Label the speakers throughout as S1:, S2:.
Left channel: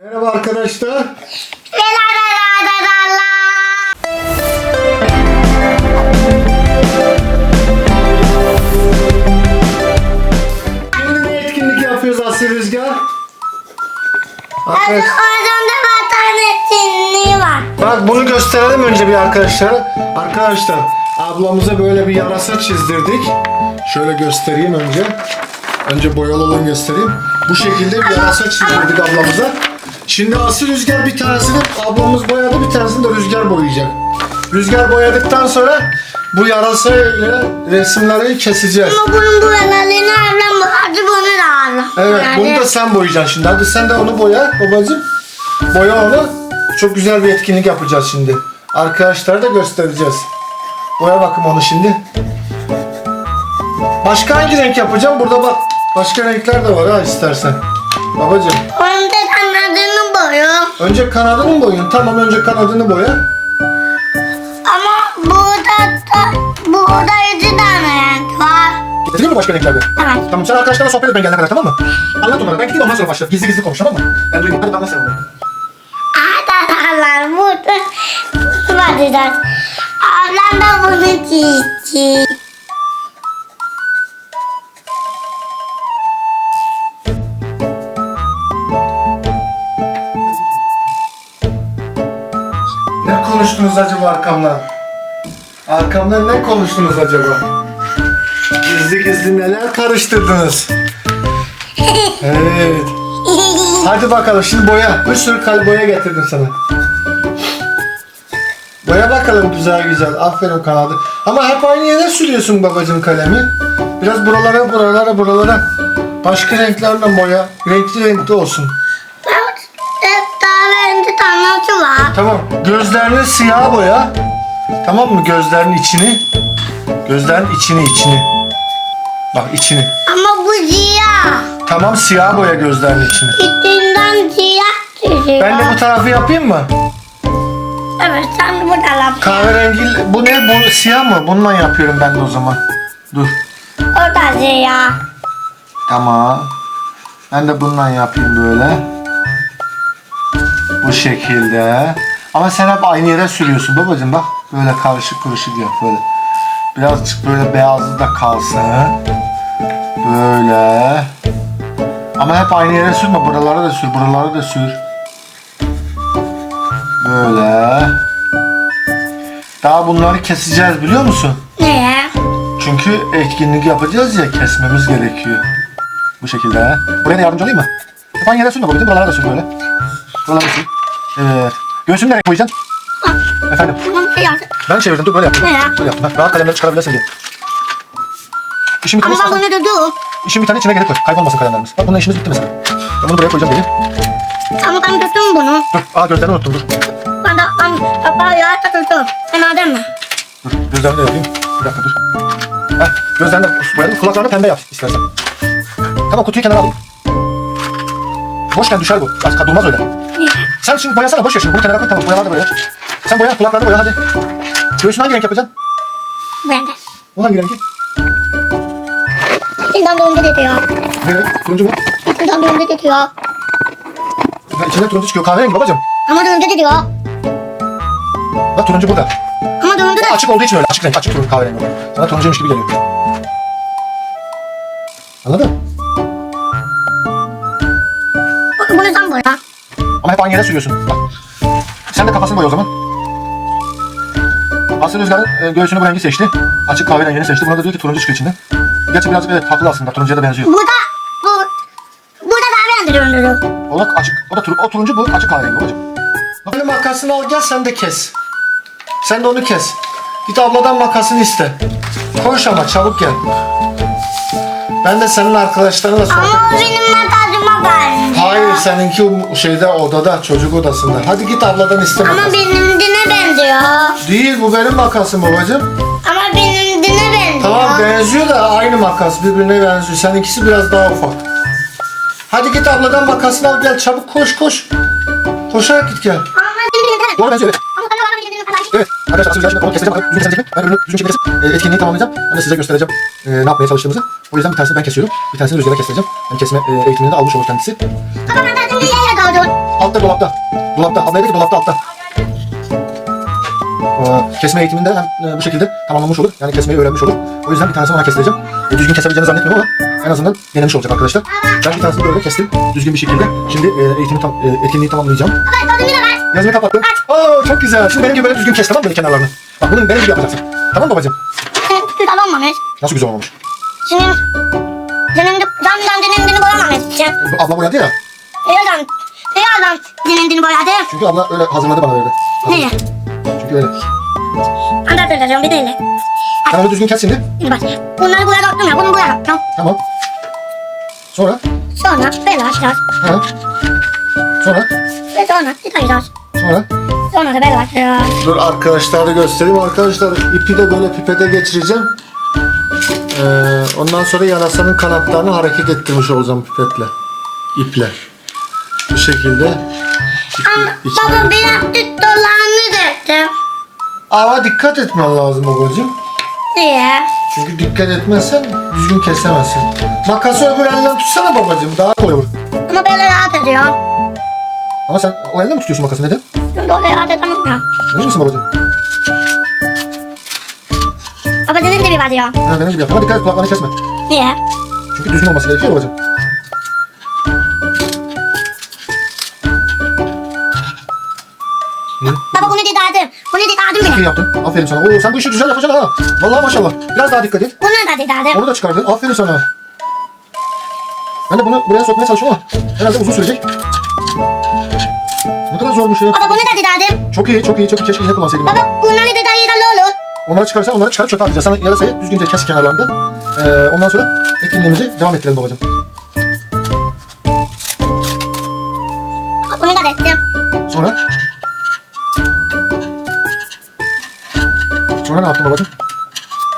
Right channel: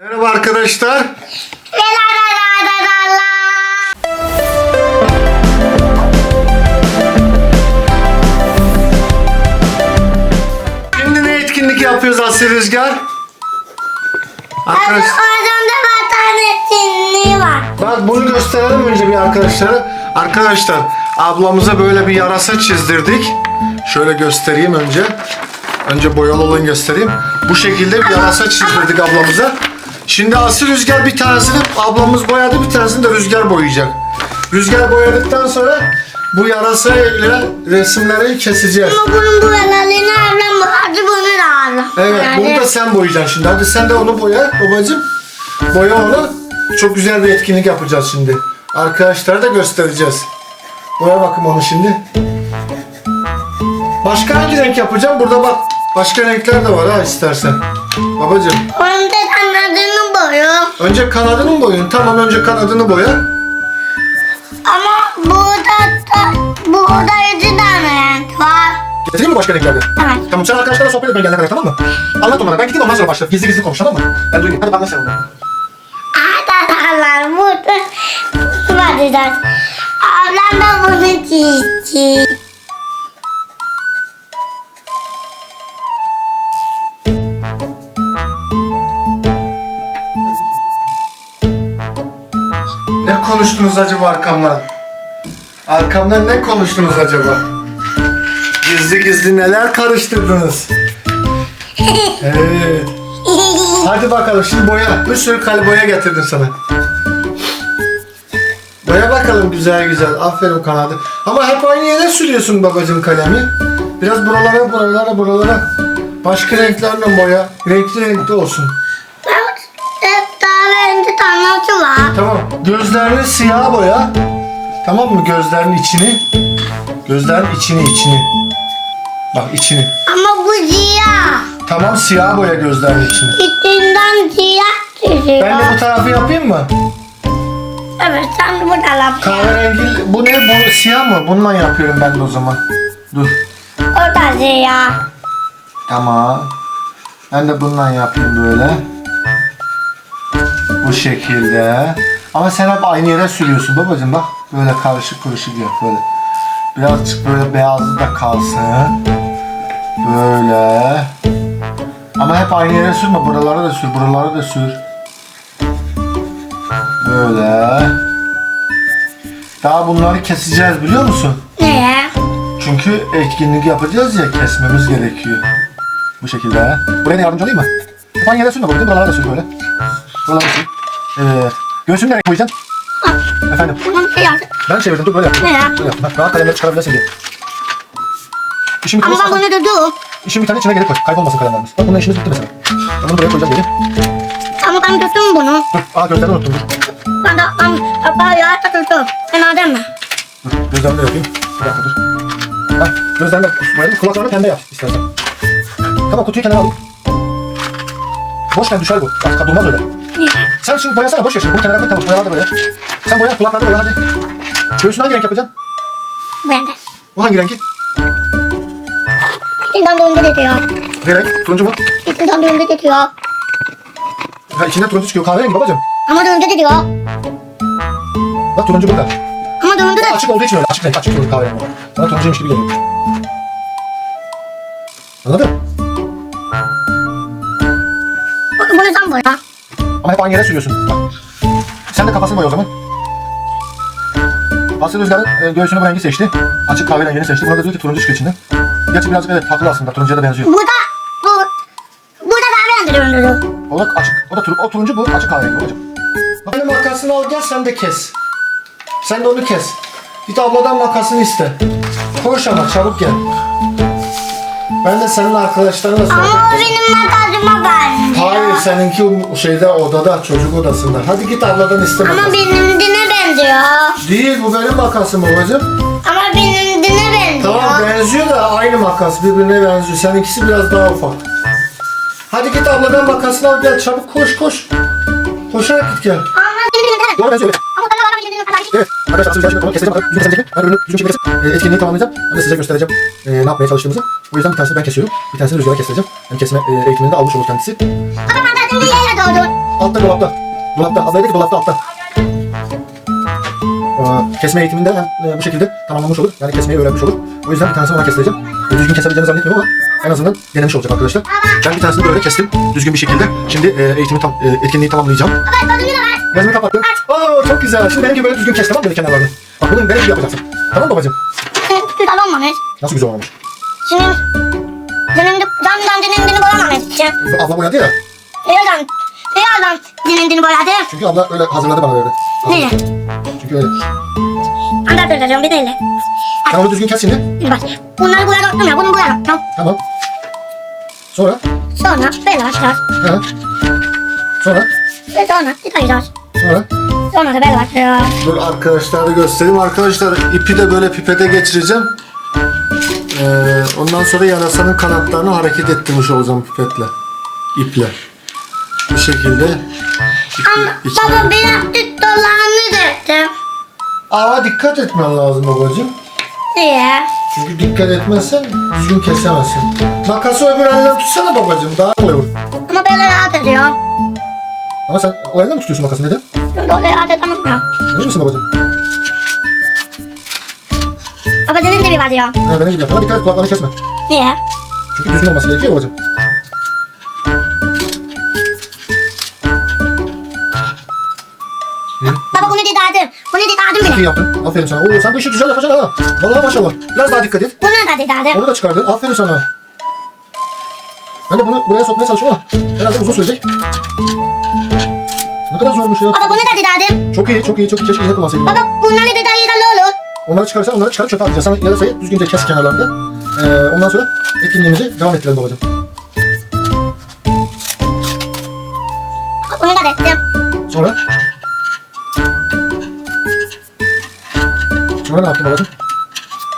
S1: Merhaba arkadaşlar.
S2: La la la la la la.
S1: Şimdi ne etkinlik yapıyoruz Asya Rüzgar? Arkadaş,
S2: Orada vatan etkinliği var.
S1: bak bunu gösterelim önce bir arkadaşlara. Arkadaşlar ablamıza böyle bir yarasa çizdirdik. Şöyle göstereyim önce. Önce boyalı olanı göstereyim. Bu şekilde bir yarasa çizdirdik ablamıza. Şimdi Asya Rüzgar bir tanesini ablamız boyadı bir tanesini de Rüzgar boyayacak. Rüzgar boyadıktan sonra bu yarasayla resimleri keseceğiz.
S2: Ama bunun bu yanarını ablam bu. Hadi bunu da ablam.
S1: Evet bunu
S2: Yani-
S1: da sen boyayacaksın şimdi. Hadi sen de onu boya babacığım. Boya onu. Çok güzel bir etkinlik yapacağız şimdi. Arkadaşlara da göstereceğiz. Boya bakım onu şimdi. Başka hangi renk yapacağım? Burada bak başka renkler de var ha istersen. Babacığım
S2: Onun da kanadını boyu.
S1: önce kanadını mı boyun? Tamam önce kanadını boya.
S2: Ama burada da burada iki tane renk var.
S1: Getireyim mi başka renklerden?
S2: Evet.
S1: Tamam sen arkadaşlarla sohbet etmeye geldin tamam mı? Anlat onlara. Ben gideyim ondan sonra başla. Gizli gizli konuş tamam mı? Ben duymayayım. Hadi bana sen.
S2: Arkadaşlar burada su bakacağız. Ablam da bunu çizdi.
S1: Konuştunuz acaba arkamdan? Arkamdan ne konuştunuz acaba? Gizli gizli neler karıştırdınız? Evet. Hadi bakalım şimdi boya. Bir sürü kal boya getirdim sana. Boya bakalım güzel güzel. Aferin kanadı. Ama hep aynı yere sürüyorsun babacığım kalemi. Biraz buralara buralara buralara. Başka renklerle boya. Renkli renkli olsun.
S2: Tanrısı var.
S1: Tamam. Gözlerini siyah boya. Tamam mı? Gözlerinin içini. Gözlerin içini içini. Bak içini.
S2: Ama bu siyah.
S1: Tamam siyah boya gözlerin içini.
S2: İçinden siyah çiziyor.
S1: Ben de bu tarafı yapayım mı?
S2: Evet sen de bu taraf.
S1: Kahverengi bu ne? Bu siyah mı? Bununla yapıyorum ben de o zaman. Dur.
S2: O da siyah.
S1: Tamam. Ben de bununla yapayım böyle. Bu şekilde. Ama sen hep aynı yere sürüyorsun babacığım bak. Böyle karışık kuruşuk yap böyle. Birazcık böyle beyazlı da kalsın. Böyle. Ama hep aynı yere sürme. Buralara da sür. Buralara da sür. Böyle. Daha bunları keseceğiz biliyor musun?
S2: Ne?
S1: Çünkü etkinlik yapacağız ya kesmemiz gerekiyor. Bu şekilde. Buraya da yardımcı olayım mı? Aynı yere koydum. Buralara da sür böyle. Buralara da sür. Evet. Göğsünü nereye koyacaksın? Efendim. Ben çevirdim. Dur böyle yap.
S2: Ne ya?
S1: Böyle yap. Bak rahat kalemleri çıkarabilirsin diye. İşin
S2: Ama
S1: biteni,
S2: ben bunu dedim.
S1: işin biteni içine gerek koy. Kaybolmasın kalemlerimiz. Bak bununla işimiz bitti mesela. Ben bunu buraya koyacağım böyle.
S2: Ama ben tuttum bunu.
S1: Dur. Aa gözlerini unuttum dur.
S2: Ben de ben böyle tuttum. Ben adam mı?
S1: Dur. Gözlerini de yapayım. Bir dakika dur. Ha, gözlerini de boyadım. Kulaklarını pembe yap istersen. Tamam kutuyu kenara alayım. Boş ver düşer bu. Bak durmaz öyle. Sen şimdi boyasana boş ver şimdi. Bu kenara koy tamam boyalar da böyle. Sen boya kulaklarını boya hadi. Göğsünü hangi renk yapacaksın?
S2: Ben de.
S1: Bu hangi rengi?
S2: İçinden turuncu getiriyor.
S1: Ne renk? Turuncu mu?
S2: İçinden turuncu getiriyor.
S1: Ha içinde turuncu çıkıyor. Kahverengi babacığım.
S2: Ama turuncu getiriyor.
S1: Bak turuncu burada.
S2: Ama turuncu da
S1: Açık olduğu için öyle. Açık renk. Açık turuncu kahverengi. Sana turuncuymuş gibi geliyor. Anladın mı?
S2: bunu sen boya.
S1: Ama hep aynı yere sürüyorsun. Bak. Sen de kafasını boya o zaman. Asya Rüzgar'ın e, göğsünü bu rengi seçti. Açık kahverengini seçti. Buna da diyor ki turuncu çıkıyor içinde. Gerçi birazcık evet takılı aslında. Turuncuya da benziyor.
S2: Bu da o. Bu da daha beğendim.
S1: O da açık. O da tur, o turuncu bu. Açık kahverengi babacığım. Benim makasını al gel sen de kes. Sen de onu kes. Git abladan makasını iste. Koş ama çabuk gel. Ben de senin arkadaşlarınla sohbet
S2: Ama o benim makasıma benziyor.
S1: Hayır seninki o şeyde odada çocuk odasında. Hadi git abladan iste
S2: Ama
S1: makas.
S2: benimkine benziyor.
S1: Değil bu benim makasım babacığım.
S2: Ama benimkine benziyor.
S1: Tamam benziyor da aynı makas birbirine benziyor. Seninkisi biraz daha ufak. Hadi git abladan makasını al gel çabuk koş koş. Koşarak git gel.
S2: Ama benimkine
S1: Bu arada benziyor Arkadaşlar asıl şimdi konu keseceğim. Yine kesecek.
S3: Ben ürünü düzgün kesip e, etkinliği tamamlayacağım. Ben de size göstereceğim e, ne yapmaya çalıştığımızı. O yüzden bir tanesini ben kesiyorum. Bir tanesini rüzgara kestireceğim. Hem kesme e, eğitimini de almış olur kendisi.
S2: Ama ben bir yere doğdum.
S3: Altta dolapta. Dolapta. Abla dedi ki dolapta altta. Ee, kesme eğitiminde hemen e, bu şekilde tamamlamış olur. Yani kesmeyi öğrenmiş olur. O yüzden bir tanesini ona kestireceğim. Düzgün ama en azından denemiş olacak arkadaşlar. Ben bir tanesini böyle kestim. Düzgün bir şekilde. Şimdi e, eğitimi tam, e, etkinliği tamamlayacağım. Gözünü kapattım. Aa, çok güzel. Şimdi benim gibi böyle düzgün kes tamam böyle kenarlarını. Bak bunun benim gibi yapacaksın. Tamam babacığım?
S2: Güzel olmamış.
S3: Nasıl güzel olmamış?
S2: Şimdi Gönlümde, camdan gönlümdeni boyamamış. Sen
S3: Bu Abla boyadı ya.
S2: birazdan, birazdan gönlümdeni boyadı.
S3: Çünkü abla öyle hazırladı bana verdi.
S2: Nereye?
S3: Çünkü öyle.
S2: Söyleyeceğim bir de öyle.
S3: Onu düzgün kes şimdi.
S2: Bak. Bunları boyadım ya, bunu boyamam. Tamam.
S3: Tamam. Sonra.
S2: Sonra böyle başlar.
S3: Ha. Sonra.
S2: Ve sonra tıkayacağız.
S3: Sonra.
S2: Sonra da böyle başlıyor.
S3: Dur arkadaşlar da göstereyim. Arkadaşlar ipi de böyle pipete geçireceğim. Ee, ondan sonra yarasanın kanatlarını hareket ettirmiş olacağım pipetle. İple. Bu şekilde.
S2: Ama baba birazcık dolanını döktüm.
S3: Ama dikkat etmen lazım babacığım.
S2: Niye?
S3: Çünkü dikkat etmezsen düzgün kesemezsin. Makası öbür elinden tutsana babacığım. Daha kolay olur.
S2: Ama böyle rahat ediyor.
S3: Ama sen o elden mi tutuyorsun makası neden?
S2: Böyle rahat edemiyorum.
S3: Emin misin babacığım?
S2: Baba senin bir var diyor.
S3: Ha, benim gibi yap. Ama dikkat et kulaklarını kesme.
S2: Niye?
S3: Çünkü düzgün olması gerekiyor babacığım.
S2: Baba bunu dedadım. Bunu dedadım
S3: İyi
S2: bile.
S3: yaptın. Aferin sana. Oo, sen bu işi güzel yapacaksın. Vallahi maşallah. Biraz daha dikkat et.
S2: Bunu da dedadım.
S3: Onu da çıkardın. Aferin sana. Ben de bunu buraya sokmaya çalışıyorum ama herhalde uzun sürecek. Ne kadar zormuş ya.
S2: Baba bunu da dedadım.
S3: Çok iyi, çok iyi. Çok keşke yine kullansaydım.
S2: Baba
S3: ben.
S2: bunları da dayı olur.
S3: Onları çıkarsan onları çıkarıp çöpe atacağız. Sen yarasayı düzgünce kes kenarlarında. Ee, ondan sonra etkinliğimizi devam ettirelim babacığım. Sonra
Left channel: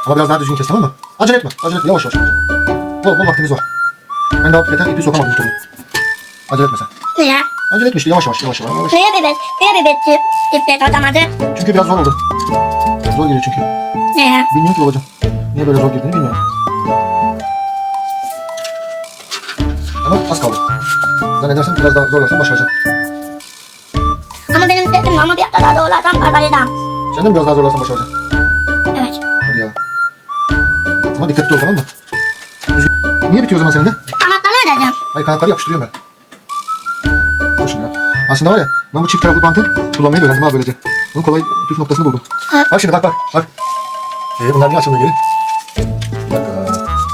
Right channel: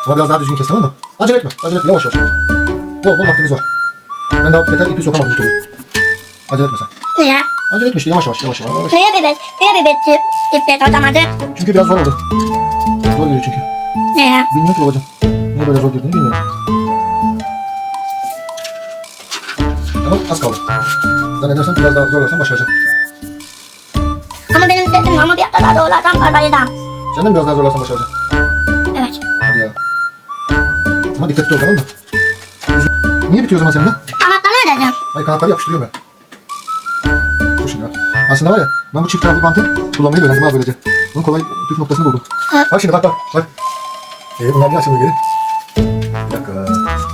S3: Ama biraz daha düzgün kes tamam mı? Acele etme. Acele etme. Yavaş yavaş. Bol bol vaktimiz var. Ben daha yeter ipi sokamadım bir türlü. Acele etme sen.
S2: Niye?
S3: Acele etme işte yavaş yavaş yavaş yavaş. yavaş.
S2: Niye bir bet? Niye bir bet? İpek atamadı.
S3: Çünkü biraz zor oldu. Zor geliyor çünkü.
S2: Niye?
S3: Bilmiyorum ki babacığım. Niye böyle zor girdiğini bilmiyorum. Ama az kaldı. Zannedersem biraz daha zorlarsan başaracağım.
S2: Ama benim dedim ama bir daha doğrulardan kazanacağım.
S3: Sen de mi biraz daha zorlarsan başaracağım? Dikkatli ol tamam mı? Niye bitiyor o zaman seninle?
S2: Anahtarı ne dedim?
S3: Ay kanatları yapıştırıyorum ben. Şimdi ya. Aslında var ya, ben bu çift taraflı bantı kullanmayı da öğrendim ha böylece. Bunu kolay püf noktasını buldum.
S2: Evet.
S3: Bak şimdi bak bak bak. Ee, bunlar niye açılmıyor geri?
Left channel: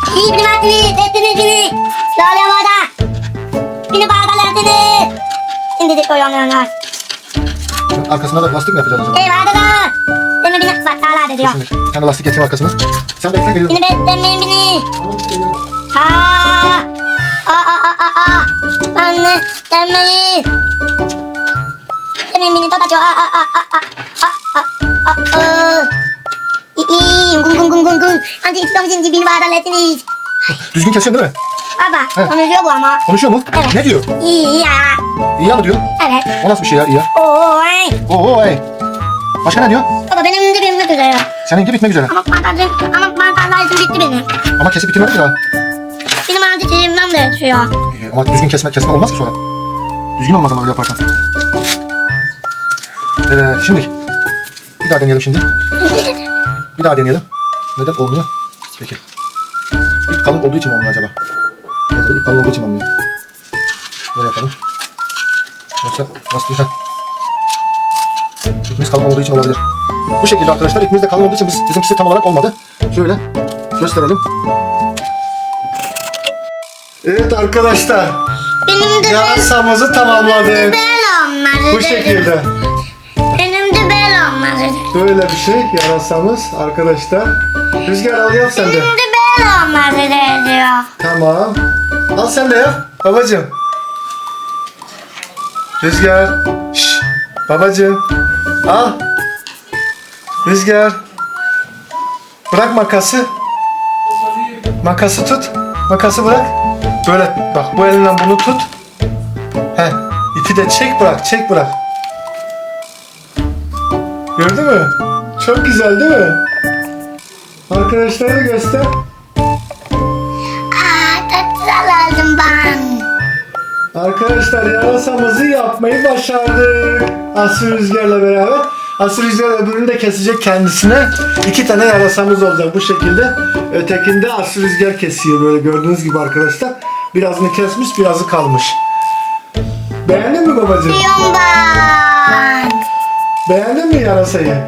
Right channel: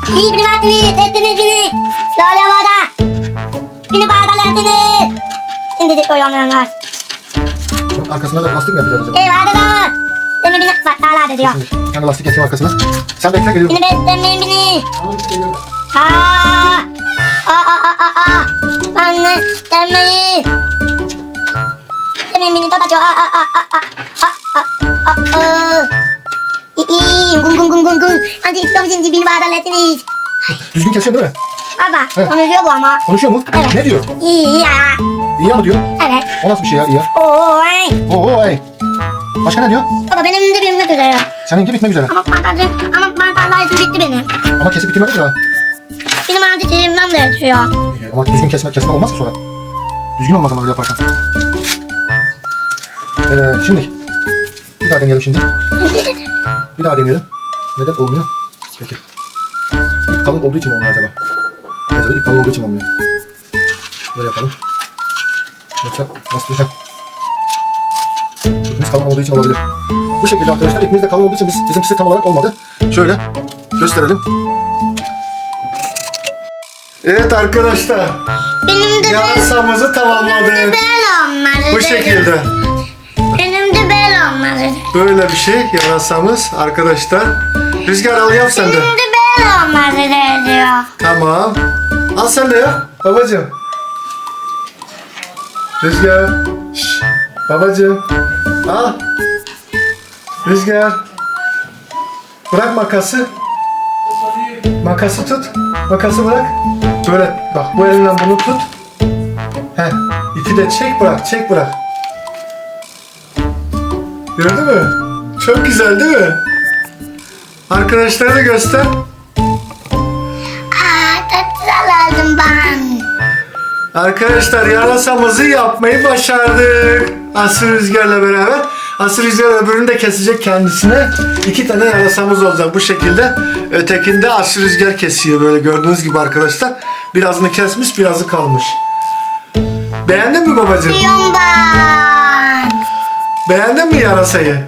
S3: Bir
S2: vadini, tettiniz beni. Bağdalardını. Şimdi de koyanlar.
S3: Bak, Arkasında da lastik mi yapacağız acaba?
S2: Ey vadada. Sana bir bak hala diyor.
S3: Şimdi bir tane lastik getir arkasına. Sen bekle geliyorum.
S2: Beni beslemeyin beni. Aa. Aa aa aa aa. Anne gelmeyin. Beni beni kapatıyor. Aa aa aa aa. Aa aa aa. Gung gung gung gung gung. Hadi İslam şimdi bir bağdalardınız.
S3: Düzgün kesiyorsun değil mi?
S2: Baba,
S3: Evet.
S2: konuşuyor bu ama.
S3: Konuşuyor mu?
S2: Evet.
S3: Ne diyor?
S2: İyi ya.
S3: İyi ya mı diyor?
S2: Evet.
S3: O nasıl bir şey ya? İyi ya.
S2: Oy.
S3: Hey. Başka ne diyor?
S2: Baba benim dibimde duruyor.
S3: Seninki bitmek üzere.
S2: Ama babacığım, ama bardağlar izin gitti benim.
S3: Ama kesip bitirmedi ya.
S2: Benim ağzı cebimden de düşüyor.
S3: Ee, Ama düzgün kesme, kesme olmaz ki sonra. Düzgün olmaz ama yaparsan. Ee, şimdi. Bir daha deneyelim şimdi. Bir daha deneyelim. Neden olmuyor? Peki. Kalın olduğu için olmuyor acaba? Evet, kalın olduğu için olmuyor. Böyle yapalım. Yoksa. Biz kalın olduğu için olabilir. Bu şekilde arkadaşlar ipimiz de kalın olduğu için biz, bizimkisi tam olarak olmadı. Şöyle gösterelim. Evet arkadaşlar.
S2: Benim de
S3: Yarasamızı tamamladık.
S2: bel olmadı.
S3: Bu şekilde.
S2: Benim de bel olmadı.
S3: Böyle bir şey yarasamız arkadaşlar. Rüzgar al yap sen de.
S2: Benim de bel olmadı diyor.
S3: Tamam. Al sen de yap. Babacım. Rüzgar. Şş. Babacım. Al. Rüzgar. Bırak makası. Makası tut. Makası bırak. Böyle bak bu elinden bunu tut. He. İpi de çek bırak. Çek bırak. Gördün mü? Çok güzel değil mi?
S1: Arkadaşlara da göster. Arkadaşlar yarasamızı yapmayı başardık. Aslı Rüzgar'la beraber. Aslı Rüzgar öbürünü de kesecek kendisine. İki tane yarasamız olacak bu şekilde. Ötekinde Aslı Rüzgar kesiyor böyle gördüğünüz gibi arkadaşlar. Birazını kesmiş birazı kalmış. Beğendin mi babacığım?
S2: Diyorum ben.
S1: Beğendin mi yarasayı?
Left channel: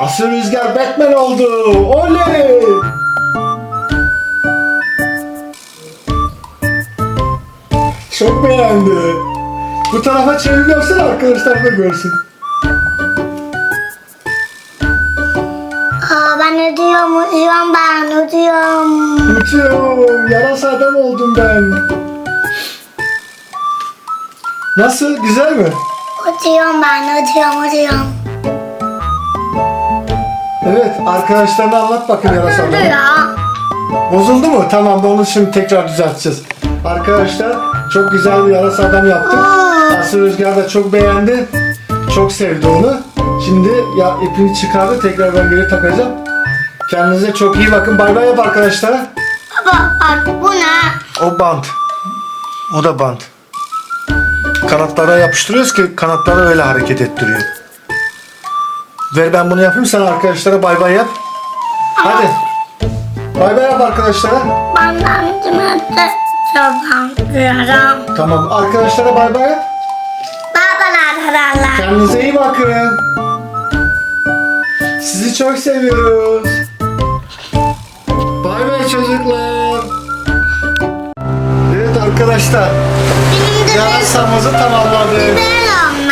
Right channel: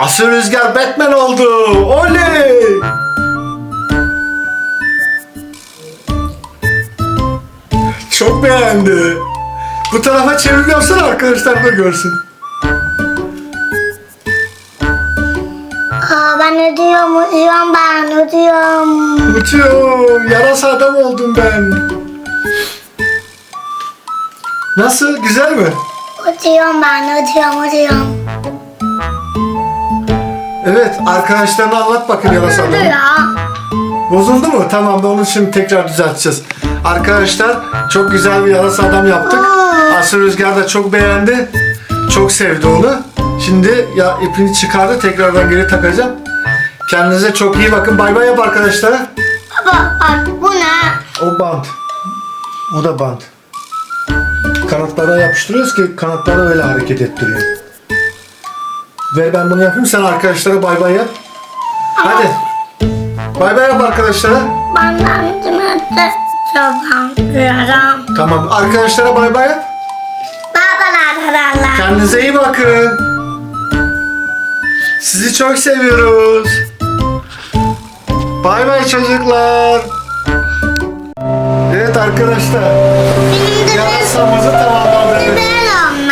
S1: Aslı Rüzgar Batman oldu. Oley! Çok beğendi. Bu tarafa çeviriyorsan arkadaşlar da görsün.
S2: Aa, ben ödüyorum, ödüyorum ben, ödüyorum.
S1: Uçuyorum. Yarasa adam oldum ben. Nasıl? Güzel mi?
S2: Ödüyorum ben, ödüyorum, ödüyorum.
S1: Evet. Arkadaşlarına anlat bakın yarasa adamı. Bozuldu mu? Tamam onu şimdi tekrar düzelteceğiz. Arkadaşlar çok güzel bir yarasa adam yaptık. Aslı Rüzgar da çok beğendi. Çok sevdi onu. Şimdi ya ipini çıkardı tekrardan geri takacağım. Kendinize çok iyi bakın. Bay bay yap arkadaşlara.
S2: Baba bak bu ne?
S1: O bant. O da bant. Kanatlara yapıştırıyoruz ki kanatları öyle hareket ettiriyor. Ver ben bunu yapayım sen arkadaşlara bay bay yap. Hadi. Bay bay yap arkadaşlara.
S2: Cimete çoban duyarım.
S1: Tamam arkadaşlara bay bay yap.
S2: Babalar kararlar.
S1: Kendinize iyi bakın. Sizi çok seviyoruz. Bay bay çocuklar. Evet arkadaşlar.
S2: Benim de
S1: Yarasamızı tamamladık.